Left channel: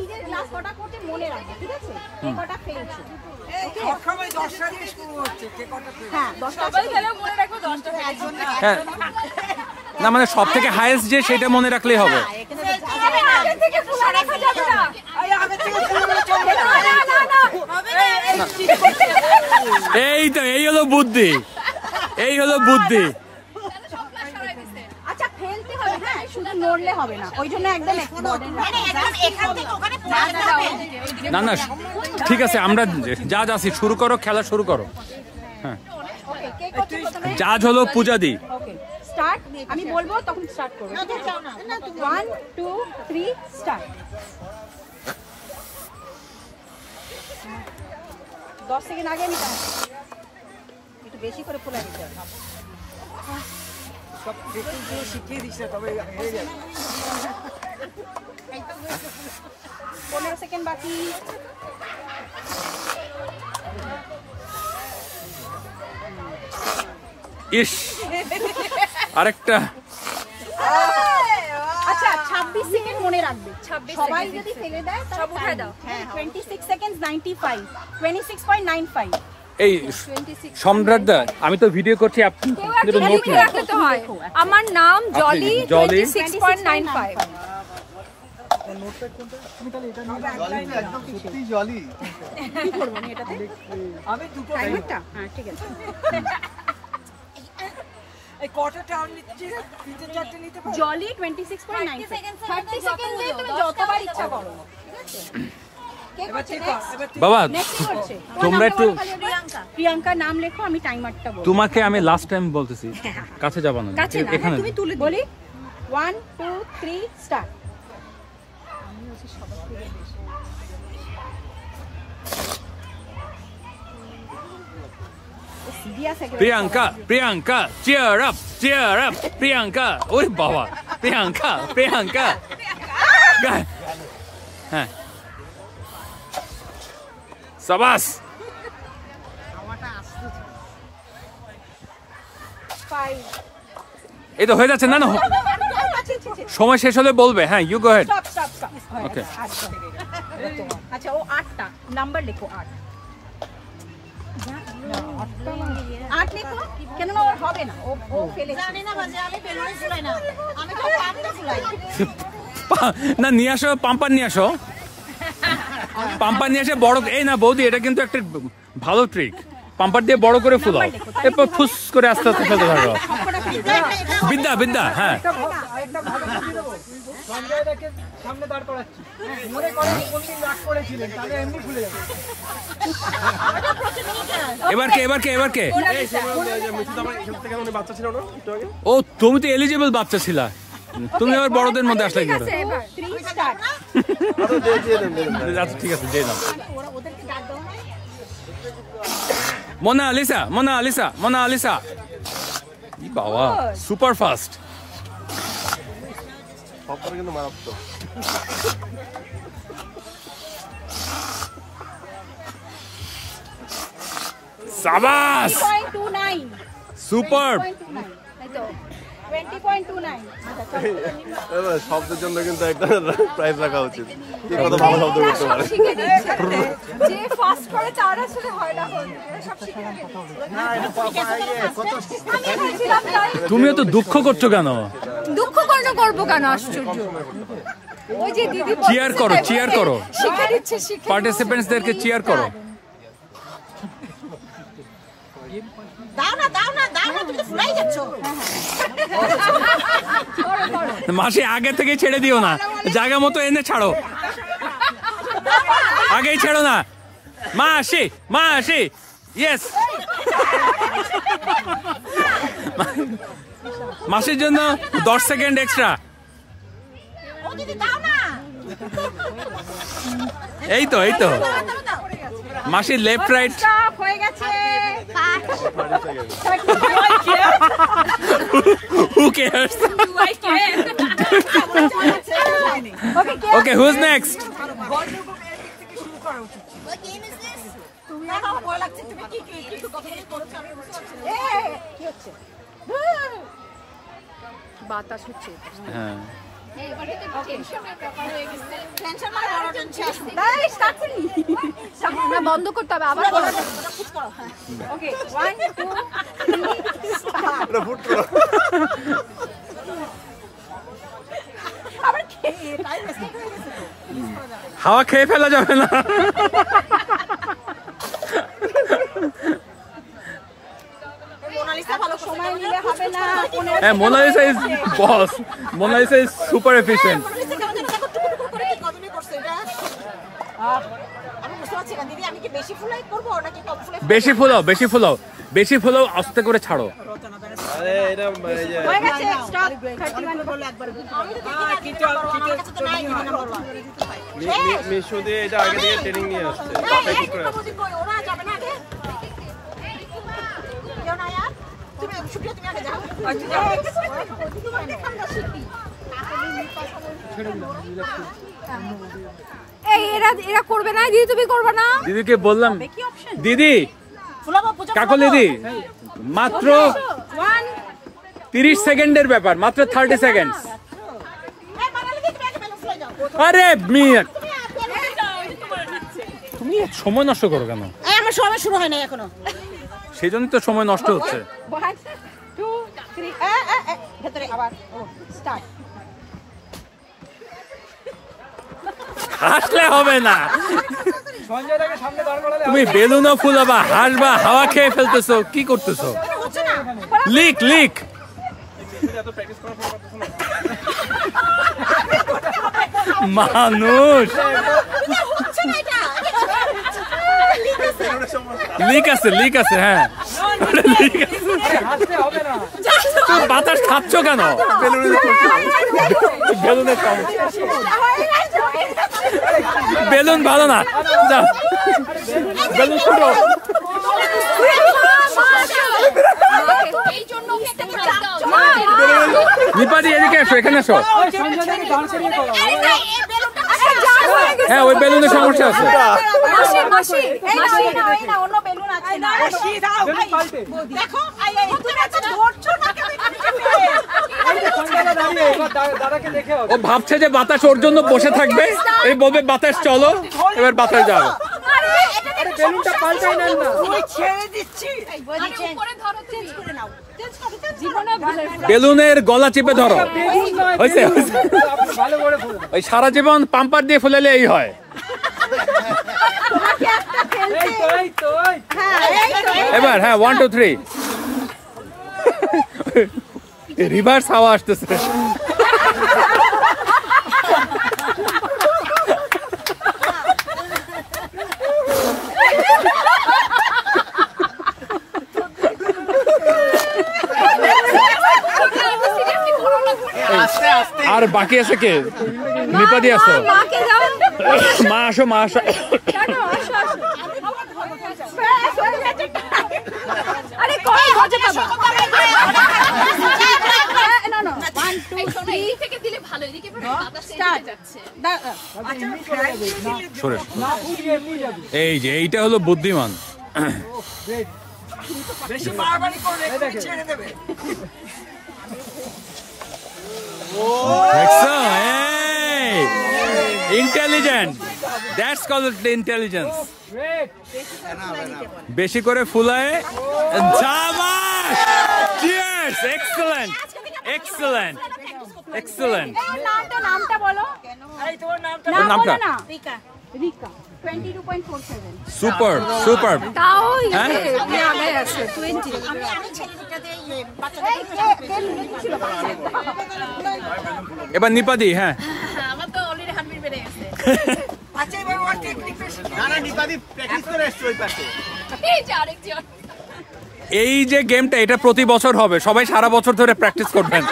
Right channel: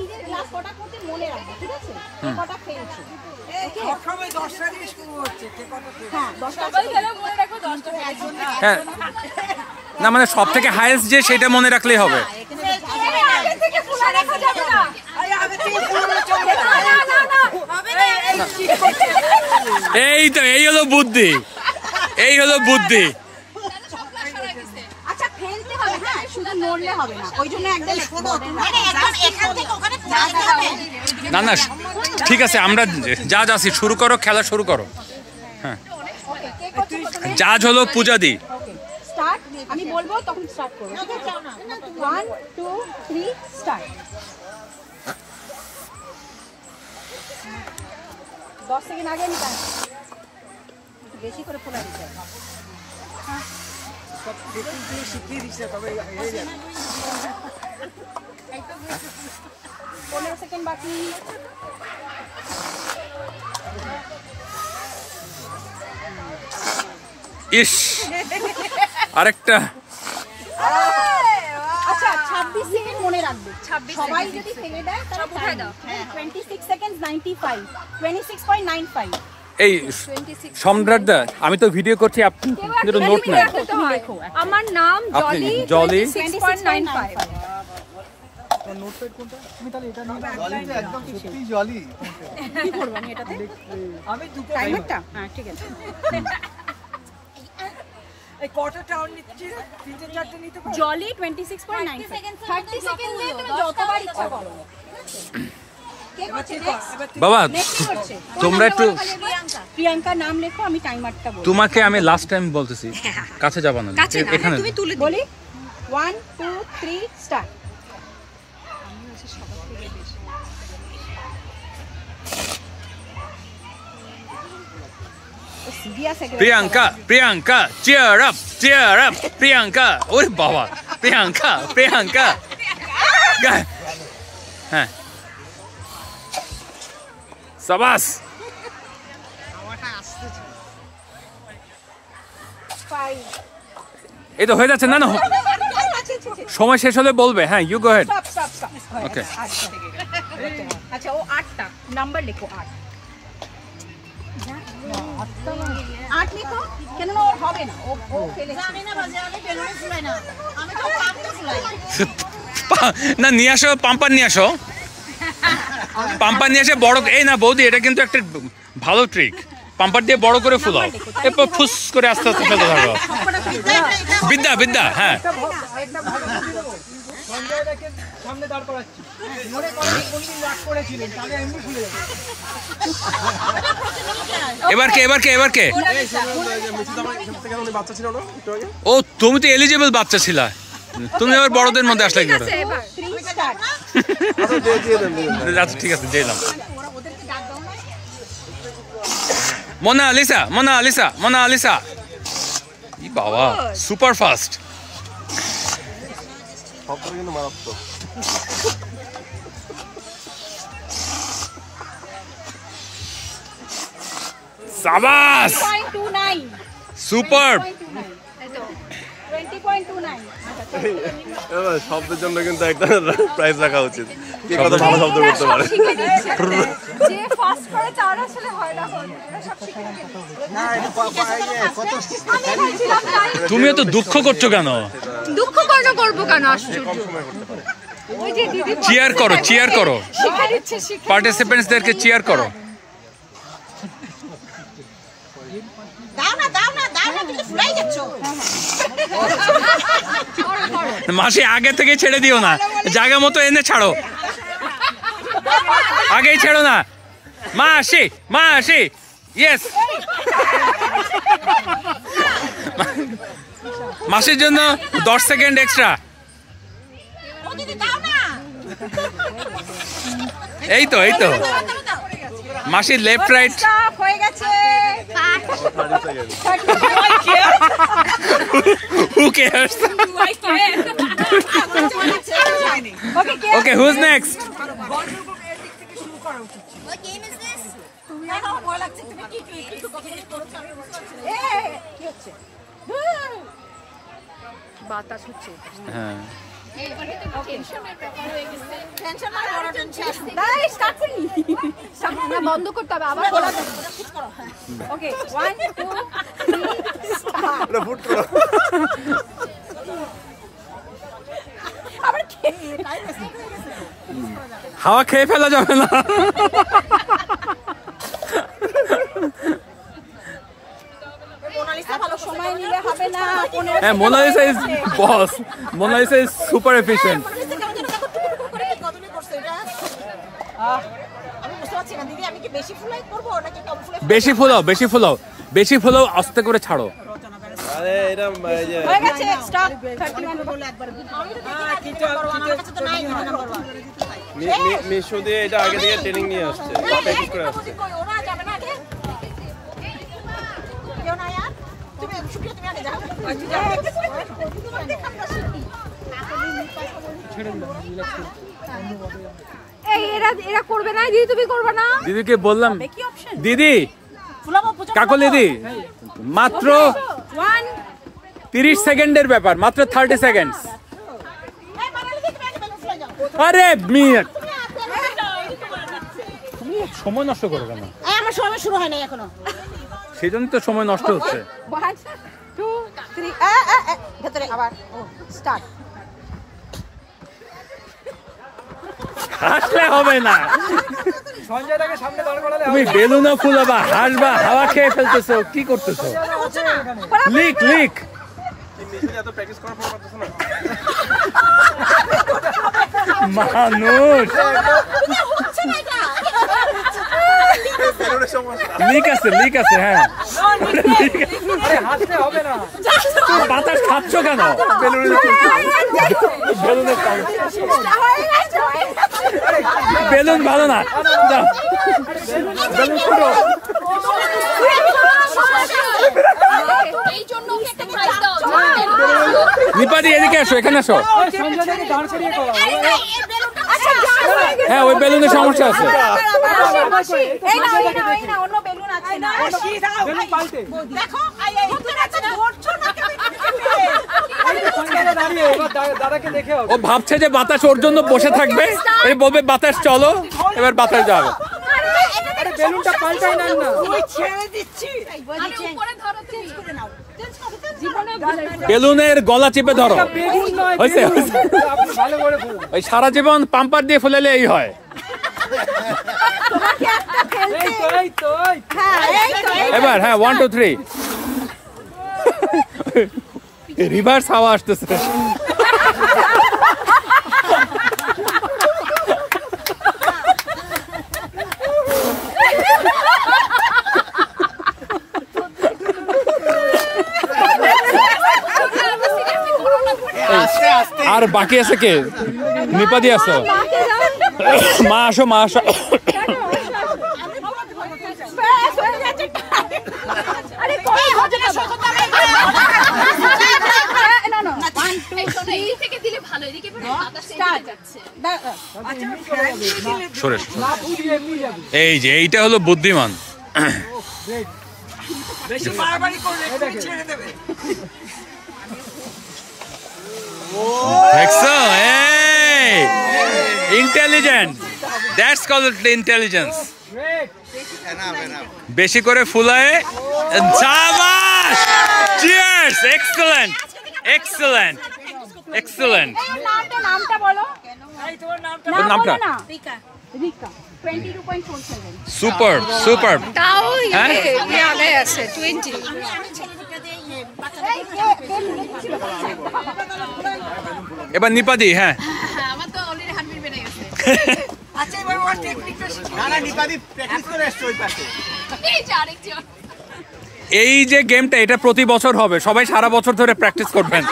নিজের গ্লাস কটা করতে মনে রাখবে, ঠিক আছে? কটা ফেলছো সবসময় 10টা দিয়ে শুরু হচ্ছে, কে কটা ফেলছে? হ্যাঁ 10টা খেলে মনে রাখবে 10টা। হ্যাঁ না মানে সব থেকে হাইয়েস্ট যে সেটা মনে রাখলেই হবে। এই তো এই হলো বুদ্ধি, এই হলো বুদ্ধি। আচ্ছা ফেলতে হবে, হ্যাঁ শুধু নড়লে হবে না, ওই জন্য একদম না না ঠিক আছে, আমরা যা যাচ্ছি, শুরু করো, খেলা শুরু করো। হ্যাঁ জাজ হলো পূজাদি। স্টার্ট, আমি বলবো তখন স্টার্ট করো, ঠিক আছে? 1 2 3 স্টার্ট। 10 সেকেন্ড আগে আমি একটু বেশি করে ফোলা দিতে হবে। সব দেখে দিয়ে শিখিয়ে দিচ্ছে, তবে হয়ে যাবে। 15 সেকেন্ড বাকি। ইস আরেকটা। আচ্ছা 26 সেকেন্ড মনে রাখবে, সবাই যদি ফেলে দেয় তাহলে উঠাই দাও। হ্যাঁ 26 সেকেন্ডস 95 26.95। এই সম্রাট দা, আমি তো ভিডিও করছি, আপনি কিন্তু নোট নেন। আমার নাম জলি, জলি 26.95। কি করবেন এটাতে? আমি দুটো টাইমারটা? হ্যাঁ ঠিক আছে। এই কটা টাউন নিচ্ছে, 3-4টা নিতে পারো। জলি 26.95 30 সেকেন্ডে তুমি যতবার ইচ্ছা করো। কে করছে নেক্সট? বাবা নেক্সট করছে তোমরা একটু প্রিয়াঙ্কা নাম লেখো, আমি টাইমারটা বলবো। তোমাকে আমি লাস্ট টাইম বলতেছি কাছে যাবা না, এখানে তুমি তুলে বলি 1 2 3 start. Priyanka Priyanka cheer up cheer up Priyanka. ওরে বাবা প্রিয়াঙ্কা প্রিয়াঙ্কা। হ্যাঁ সাবাস। এই তো হয়ে যাচ্ছে। না না সময় শেষ হলে বলবে। হ্যাঁ ইউ গো হেড। ওকে আচ্ছা ও 8টা নাম্বার লেখো, 8 লেখো। কেন না ওর হবে না, ও ফেলেছে। জানি না বাজে, আমি বেলুনে ফুলাই না, আমি তো পাম্পটা ফুলাই। না নিয়ে আসো, পাম্পার নিয়ে আসো, পাম্পার নিয়ে আসে বড়। এই না বৌদি, এটা কিন্তু একটা ভালো ট্রিক, পাম্পার দিয়ে বড় করে ফুলাও, এরপর ফুস করে আস্তে আস্তে ফেলতে থাকো। বিদ্যা বিদ্যা। হ্যাঁ সঞ্জয়দাকে সামনে দাঁড় করাচ্ছি, মনে করেন কোনদিন রাগ করেছিলেন, তাহলে এমনি ভুলে যাবেন। এবার কে এবার কে এবার কে? ও তুমি তো এলিজিবল বাচ্চা ছিলা, তুমি আবার বড়দের মধ্যে আসলে কি করে? আচ্ছা ঠিক আছে দিলাম। মোনা আলিসা মোনা আলিসা মোনা আলিসা। ই বাবা সুপার ফাস্ট। সাবাস সুপার। 20.29 শব্দের জন্য কিন্তু একটা প্রাইজ রাখা উচিত, কে কত ভালো শব্দ করতে পারে। যে ফাস্ট করে চারে ছেলে হয় না, সব শিখে গেছে। তুমিও তো দুঃখ করছো কেন? দুঃখ কেন করবো, কেন আশ্চর্য। ওই যে দিদি চিয়ার করো চিয়ার করো, শিখে দিচ্ছে, শিখে পার্টিসিপেন্টসদেরকে চিয়ার করো। দাও না দাও না দাও না, তুমি ফুলাই যাচ্ছ। মাসি আগে থেকে ছেড়ে দিও না, জায়গা মতো এনে ছাড়ো, আগেই ছেড়ো না। মাসি মাসি ইয়েস। মাসির জন্য 10 সেকেন্ড এক্সট্রা। এই তো এই তো মাসির লেফট রাইট হয়ে গেছে। Who cares? Okay, who's next? বাতাস হচ্ছে। হ্যাঁ বন্ধ করতে হবে আবার ওকে 1 2 এটা ফুট করো হাওয়া খেয়ে ফেলা যাবে না। হ্যাঁ, Monalisa is boss, Monalisa is super efficient. বেশি ফুলাও, বেশি ফুলাও, বেশি ফুলাও, আস্তে করে ছাড়ো। আরে এটা এই যে হয়ে গেছে স্টপ 31 বলে একবার মিশু দিয়ে এটা আগে থেকে ট্রেনিং নিয়ে আসছে প্র্যাকটিস করে আসছে ওরা যাবে না আগে কেউ না यार তুমি শুকিয়ে তুমি আগে যাও আচ্ছা যাও এই এরা করবে না দিদি, তুমি করবে না? দিদিকে বললাম, দিদি কাকল দিদি মাত্র 30 সেকেন্ডের ব্যাপার, মাত্র 30 সেকেন্ড। আরে মিনিট, তুমি সময় নষ্ট করো কেন? আমার সময় শুরু হয় না এখনো, সেই জন্য তো সময় নষ্ট হচ্ছে। 1 2 3 ভেতরে আবার ও স্টার্ট। হাসলে হবে না, সঞ্জয়দাকে সামনে দাঁড় করালে তুমি বেলুনও ফুলাবা, হাসবা, হাওয়া খেয়ে ফেলতেছো, কি করতেছো? হচ্ছে না লিক লিক এত প্র্যাকটিস করার পর করতেছ না মানুষ, হচ্ছে না এটা লিক আছে, লিক আছে, হ্যাঁ হাসলে হবে না। তুমি বাতাস খাচ্ছ কেন? বেলুনের বেলুন ভালো না, যাও বেলুন ছোটো। নিপাদি এদিকে আসো, এখানে আসো। সঞ্জয়দাকে দাঁড় করিয়ে করো। হ্যাঁ, ওই বেলুনের সমস্যা আছে। অন্য বেলুন আছে বেলুন পাল্টে। দেখো সঞ্জয়দা দাঁড়িয়ে এবার দাদাকে দেখে হবে। ও ভাবছে যে বাতাস ওর জন্য বসে থাকবে, এই বলবে বাতাস চলো, এবার বাতাস যাবে। বেলুনটা পাল্টাই নেন না। ছেড়ে দিচ্ছি বেলুনের গলা চেপে ধরো, হয়েছে হয়েছে। ভালো করে বলো। ওই সারা জীবন পাম্পার দিয়ে ফুলালে এই হয়। এই তো এই তো এই তো। এবার হ্যাঁ 1 2 3 রিভার্স হাওয়া আসতেছে। আর বাকি আছে কে? নিপাদি আসো, মা আসো, মা আসো। সরে না পুড়িয়ে এমনি যাবে। এই যে এইটা হলো বুদ্ধিমান। বেশি বাড়াবাড়ি করলে এক্ষুনি ছেড়ে দেবে। দেখছো? এই intelligent, that's called intelligence. Wait. বেশি করে ফুলায়, শাবাশ, চিয়ার্স, এক্সেলেন্ট এক্সেলেন্ট এক্সেলেন্ট। নামটা বলো, ওর নামটা রিকা রিকা 22.47 সুপার সুপার। তাও হ্যাঁ? মনে আছে 20। আমি ছেলেটাতে বাচ্চাদের এবার নিপাদি, হ্যাঁ আমার তো অলরেডি হার্টবিট বেড়ে গেছে। আচ্ছা এবার ওর টেকনিকটা শিখে না নিপাদি প্র্যাকটিস করে আসছে ওই পাশে। এই যে আরেকজন। এই যে গেমটা, এটা প্রতি বছর হবে, সবাই সারা বছর ধরে প্র্যাকটিস করবেন,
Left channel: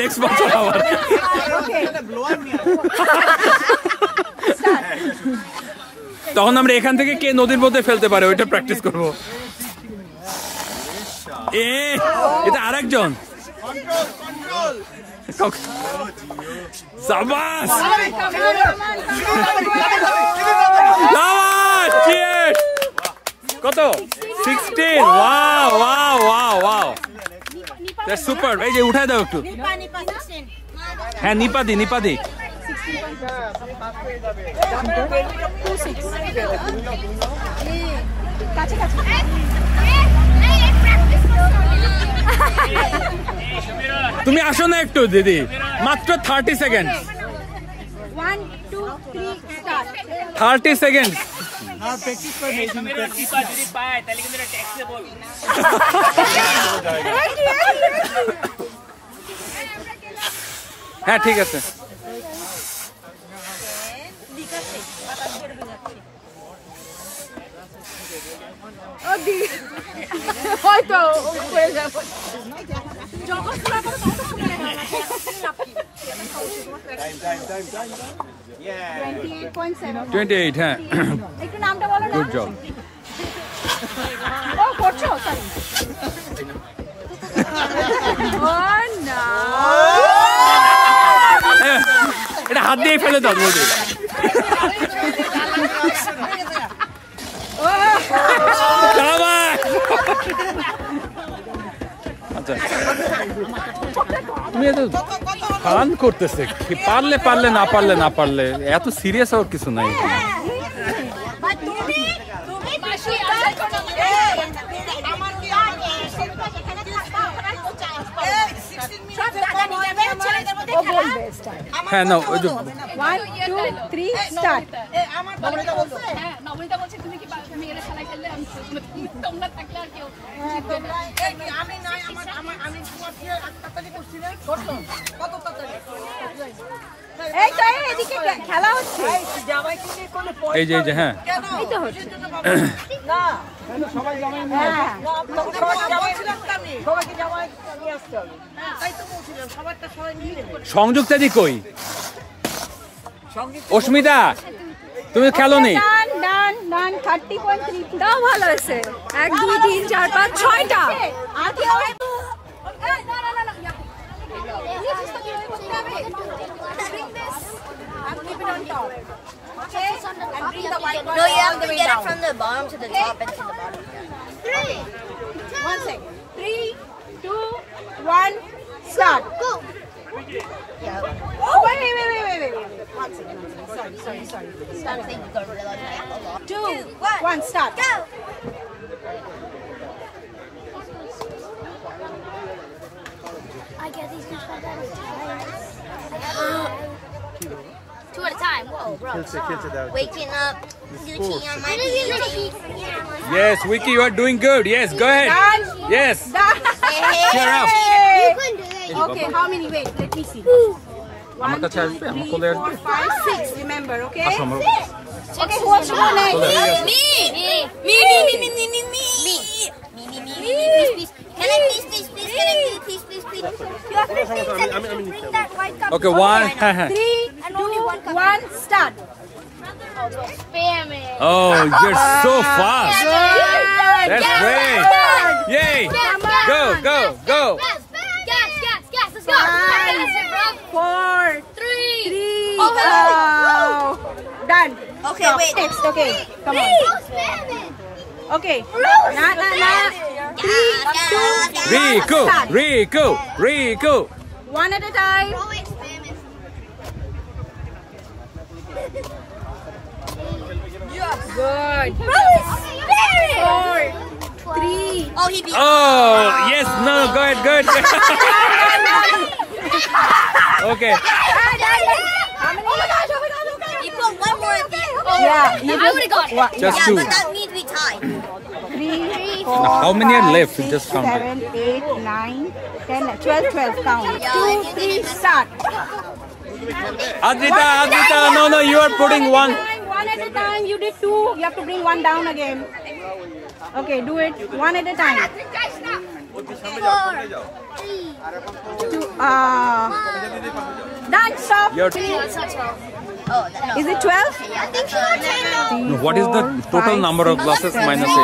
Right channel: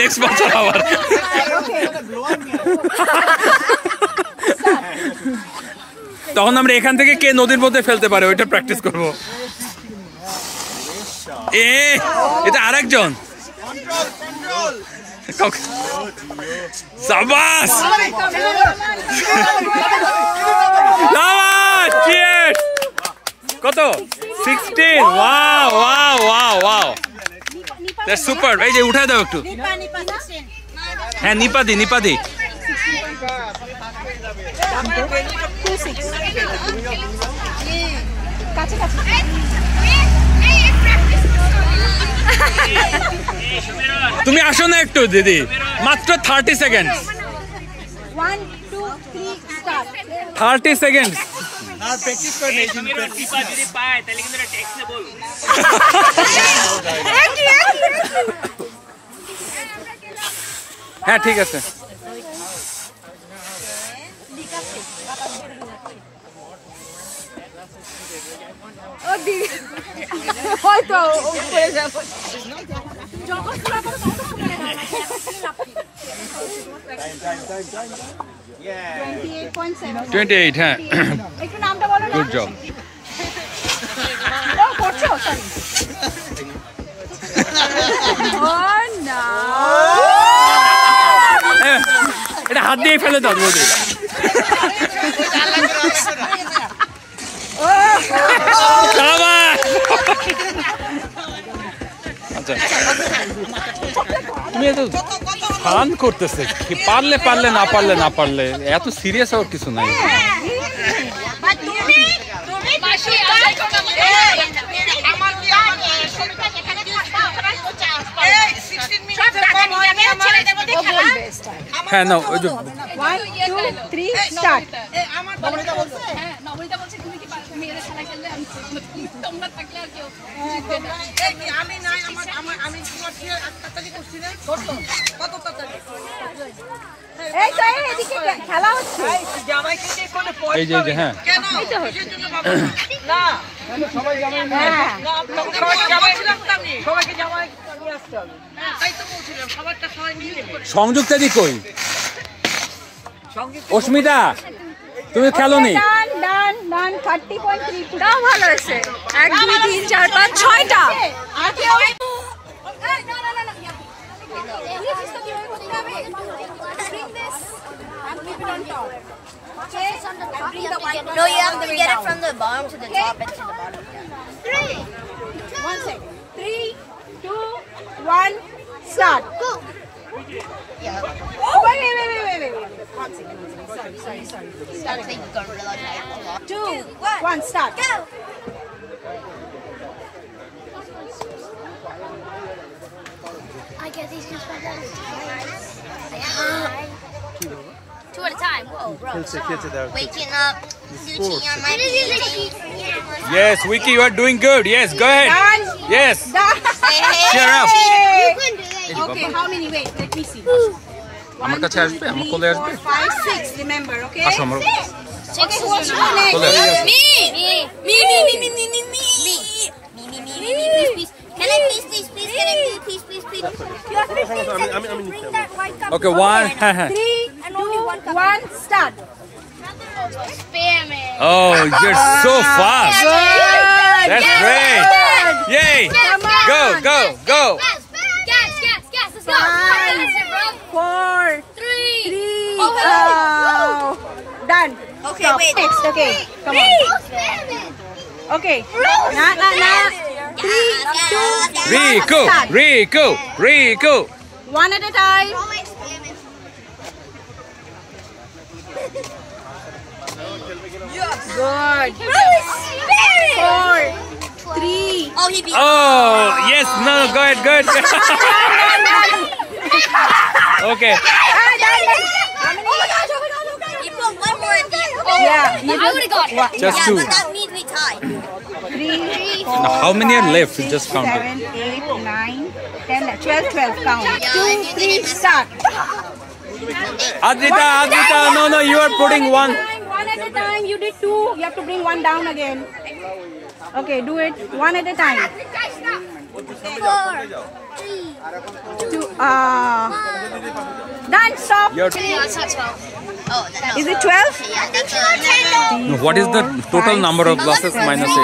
নেক্সট বছর আবার। তখন আমরা এখান থেকে কে নদীর মধ্যে ফেলতে পারে ওইটা প্র্যাকটিস করবো। এটা আরেকজন, সাবাস কত 16। Wow wow wow wow, that's super. এই যে উঠায় দাও একটু। নিপা 16 হ্যাঁ নিপাদি 26 কাছে তুমি আসো না একটু দিদি, মাত্র 30 সেকেন্ড। 1 2 3 start 30 second. আর প্র্যাকটিস করে নেই কিন্তু যদি পায় তাহলে কিন্তু ট্যাক্সে বল। হ্যাঁ ঠিক আছে। হয়তো হয়ে যাবে। 28 হ্যাঁ। একটু নামটা বলো না। Good job. ও করছো সরি। এটা হাত দিয়ে ফেলে দাও বৌদি। আচ্ছা তুমি এত ফান করতেছে, পারলে পারলে না পারলে না পারলে, এত সিরিয়াস হওয়ার কিছু নাই। হ্যাঁ না ওই যে 1 2 3 স্টার্ট নবনীতা বলছে তুমি কি মেয়েরা খেলা খেললে তোমরা থাকলে আর কেউ আমি নাই আমি তোমার দিয়ে তাড়াতাড়ি করছি না কত তাড়াতাড়ি এই টাইম এদিকে খেলা হচ্ছে। জামাইকে দিয়ে কোন এই যে হ্যাঁ কেন কিসের জন্য বাবা না সবাই জানেন না সবাইকে জামাই ছিলাম তো আমি সবাইকে জামাই নিয়ে আসতে হবে তাই তো বলছিলাম খাবারটা সবাই নিয়ে নেবে। সংযুক্তা দি কই? অস্মিতা তুমি খেলো নি? ডান 30.32 দাও ভালো হয়েছে 1 2 3 4 5 6টা আগে এই জিনিসটা কি হবে করতে হবে bring this and keep it on top okay and bring the white one No, you have all to the way get down it from the bottom to the top and to the bottom. 1 second 3 2 1 start go Yeah. oh wait 1 second sorry I think you're gonna realize I have a lot. 2 1 start Go! I get these two two at a time. Whoa, bro. Waking up, Gucci on my feet. Yes, Vicky, you are doing good. Yes, go ahead. Yes. Cheer up. You can do it. okay how many wait let me see আমার কাছে আসবে, আমার কোলে আসবে। 5 6 remember okay আসো আমার okay who wants to go next কোলে আসবে। Me, please. Can I please? Can I please? You have 15 seconds to bring that white cup. Okay, one. 3 And only one cup. 1 start Spam it. Oh, you're so fast. That's great. Yay. Go. Gas. Let's go. That's it, bro. 4 3. 3 Oh, hello. done Okay, now, wait. next okay come on Spam it. okay Rico. 1 at a time Always spam it. good Bro, spam it. 4 3 Oh, he beat Oh, yes. No, go ahead. Good. Okay. You put one more at the end. yeah you I would've got it. Just Yeah, two. but that means we tied. 3 Now, 4 how many are 5, left? 6, Just count it. 7 8 9 10 12 count Yeah, 2 3 start Adrita. No, you are putting one. One at a time. You did 2. You have to bring 1 down again. Okay, do it 1 at a time. 4, 3, 2. Done. Stop. Your That's not 12. Oh, that's Is it 12? yeah, that's 12. No, what is the total number of glasses minus 8?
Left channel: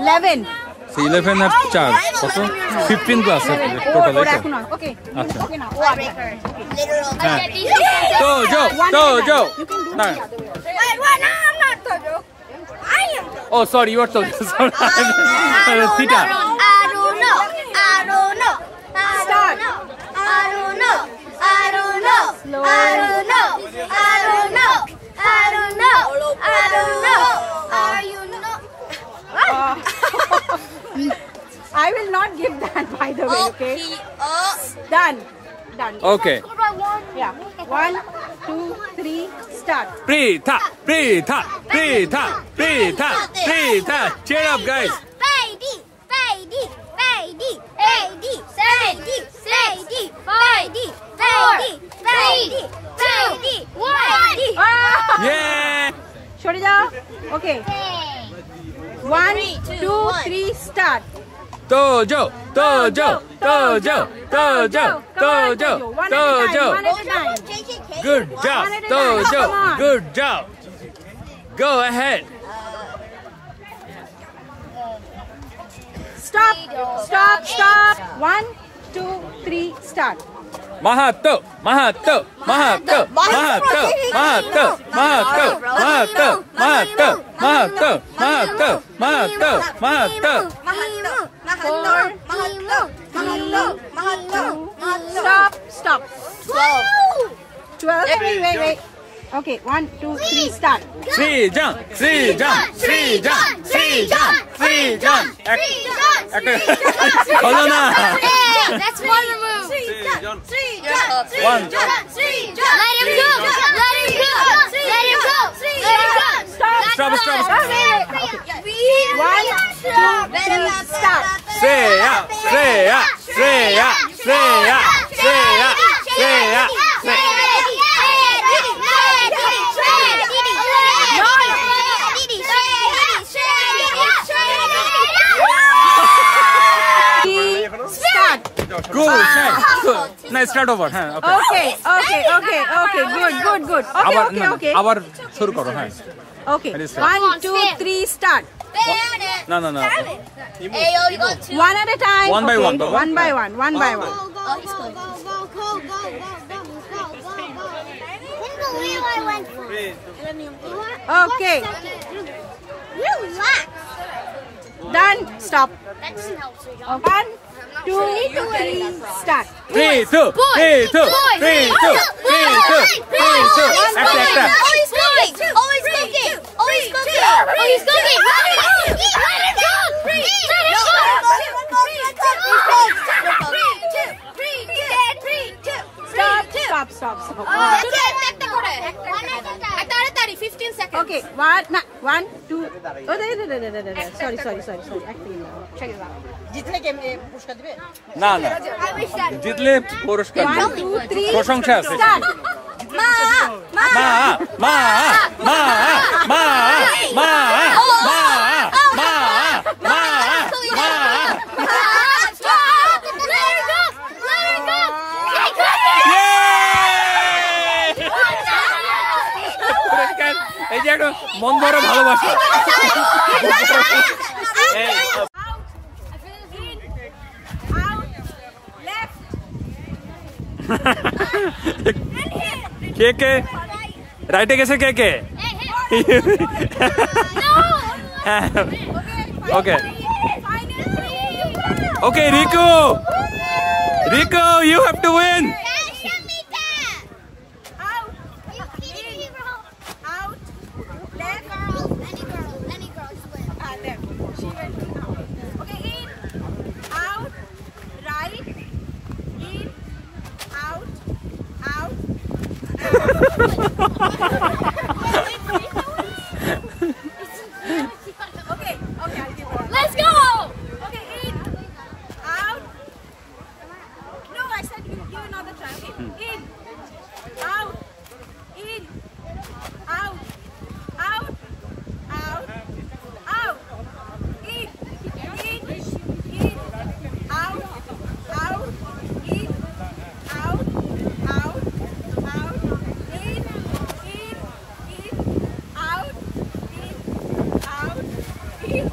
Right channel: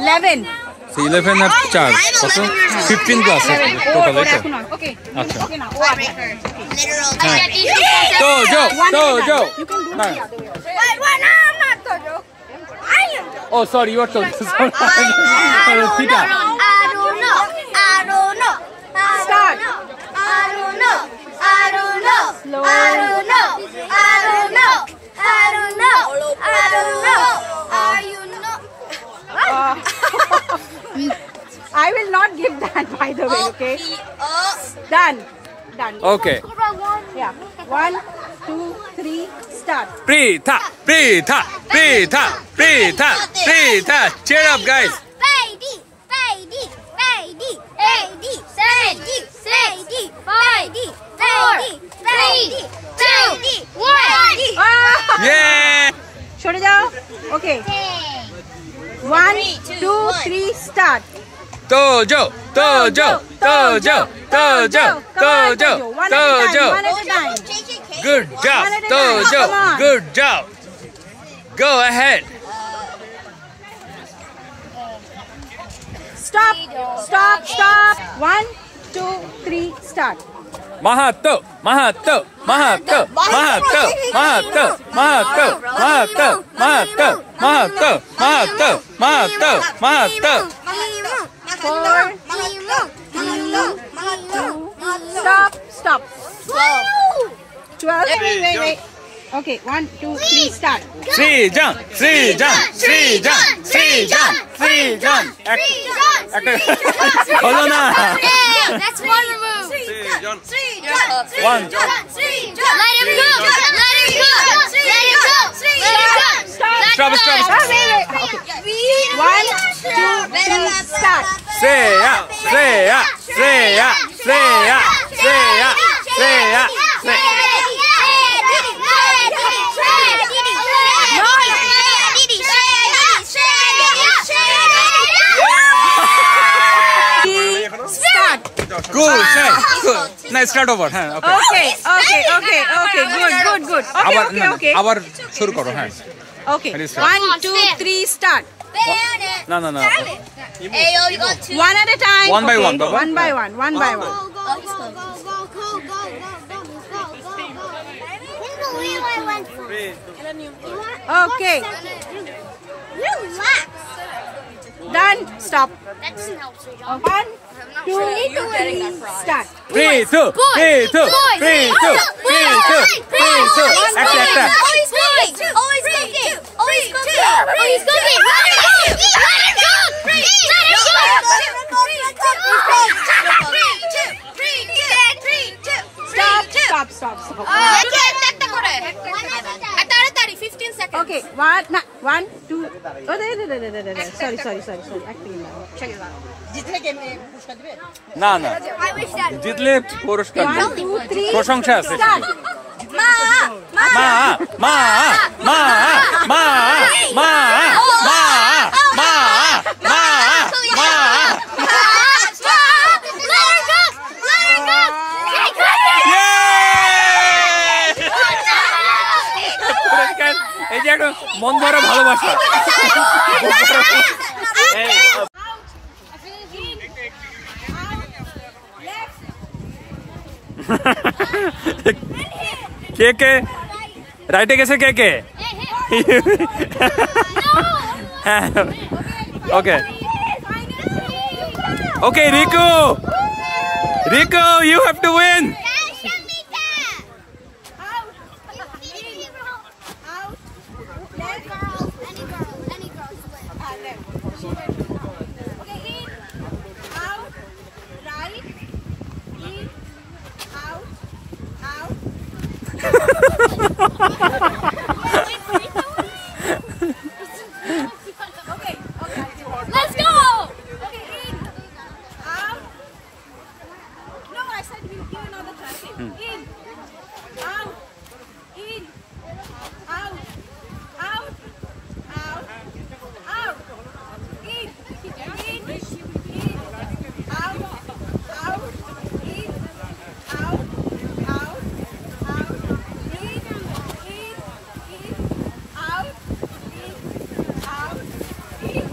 11. So 11 আর 4 কত? 15 glasses total ওর এই তো? এখন okay. আচ্ছা। Okay now. Tiebreaker. Literal. হ্যাঁ। I get these. তো Joe. You can do হ্যাঁ। the other way. Wait, what? No, I'm not Toto. I am Toto. Oh, sorry, you are told. Sorry. Tita. I don't know. Hello. I don't know. I don't know. I don't know. I don't know. Are you I will not give that, by the way, okay? Done. Done. Okay. Yeah. 1, 2, 3, start. Preetha, Preetha, Preetha, Preetha, Preetha. Cheer up, guys. Baby, baby, baby, baby, baby, baby, baby, baby, baby, baby, 1. Yeah. Chhode jao. Okay. 1, 2, 3, start. Dojo, dojo, dojo, dojo, dojo, dojo. One at a time. Good job, dojo. Good job. Go ahead. Stop. Stop. Stop. 1, 2, 3, start. Mahato, Mahato, Mahato, Mahato, Mahato, Mahato, Mahato, Mahato, Mahato, Mahato, Mahato, Mahato. 4, 3, stop. 12. Wait. Okay, 1, 2, 3, start. Srijam, Srijam, Srijam, Srijam, Srijam. Holo na. That's one move. One. Let him go. Let him go. Let him go. Stop, stop. 1, 2, 3, start. Shreya, Shreya, Shreya, Shreya, Shreya, Shreya, Shreya. Start. Good, good. Nice, start over. হ্যাঁ, okay. Good. Okay. আবার শুরু করো, হ্যাঁ। Okay. Ready, start. 1, 2, 3, start. না। One at a time. One by one, Baba. One by one. Okay. Relax. Done. Stop. 1, 2, 3, start. 3, 2, 3, 2, 3, 2, 3, 2, 3, 2. একটা. Always cooking. Always cooking. Always cooking. Always cooking. Let it go. Let it go. Stop. তাড়াতাড়ি 15 seconds. Okay. 1, 2. Oh, sorry. জিতলে কে পুরস্কার দিবে? না। জিতলে পুরস্কার 1, 2, 3. প্রশংসা আছে। Start. এই যে একটা মন ভরা ভালোবাসা। কে রাইটে গেছে কে ওকে Riku you have to win. Let's go. Okay, in, out. No, I said give another try. Okay. In, out, in, out, out, out, out. In, out, out, in, out, out, out. In, out, out, in.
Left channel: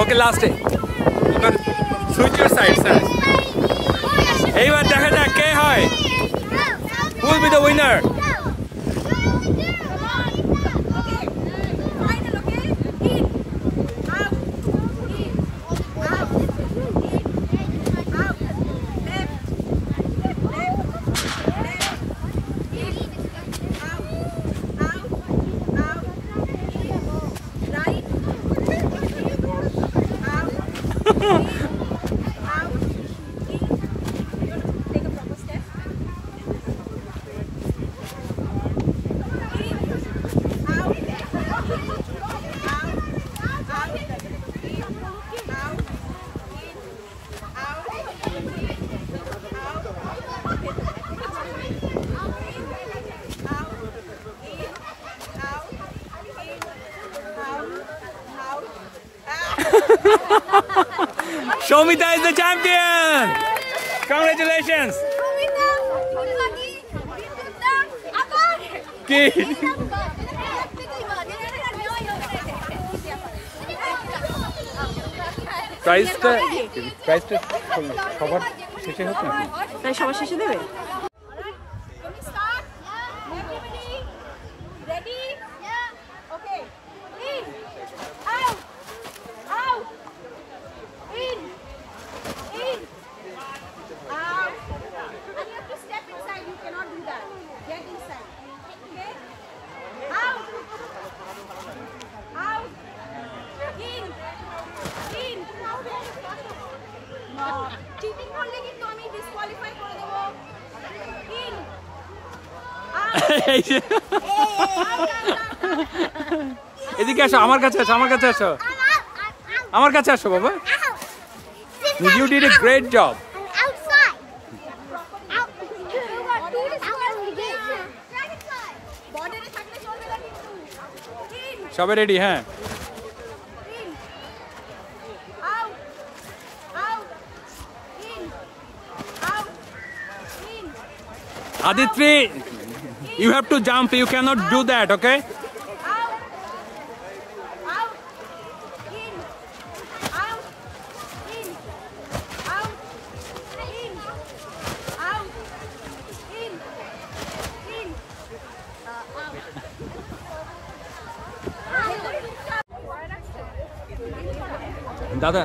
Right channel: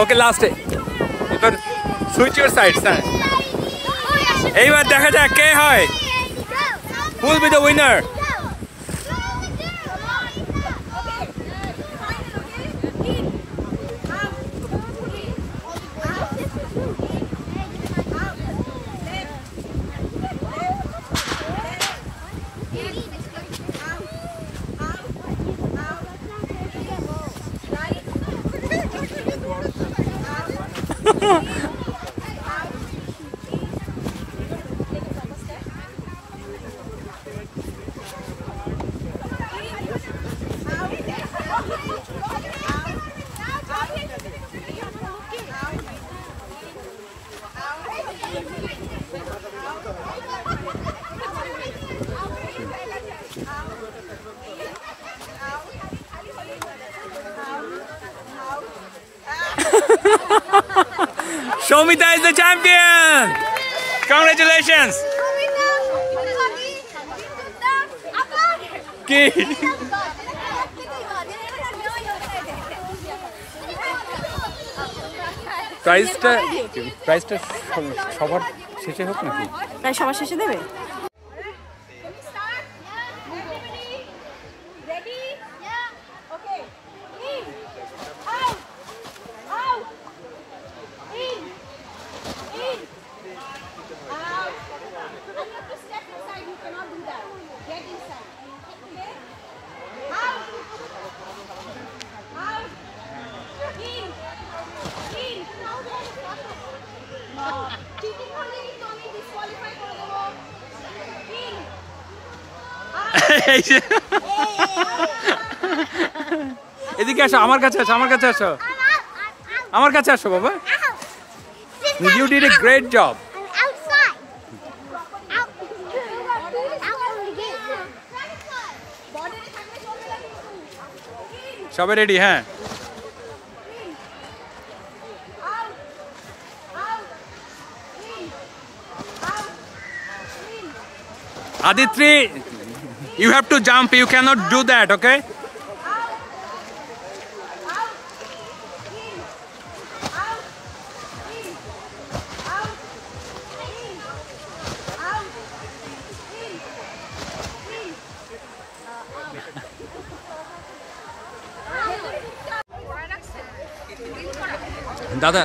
ওকে লাস্টে এবার switch your sides. হ্যাঁ, এইবার দেখা যাক কে হয়, who will be the winner. Out. Shomita is the champion. Congratulations. কি প্রাইসটা সবার শেষে হোক নাকি? তাই সবার শেষে দেবে। এদিকে আসো, আমার কাছে আসো, আমার কাছে আসো, আমার কাছে আসো বাবা। You did a great job. সবাই রেডি? হ্যাঁ, Aditri, you have to jump. You cannot do that, okay? দাদা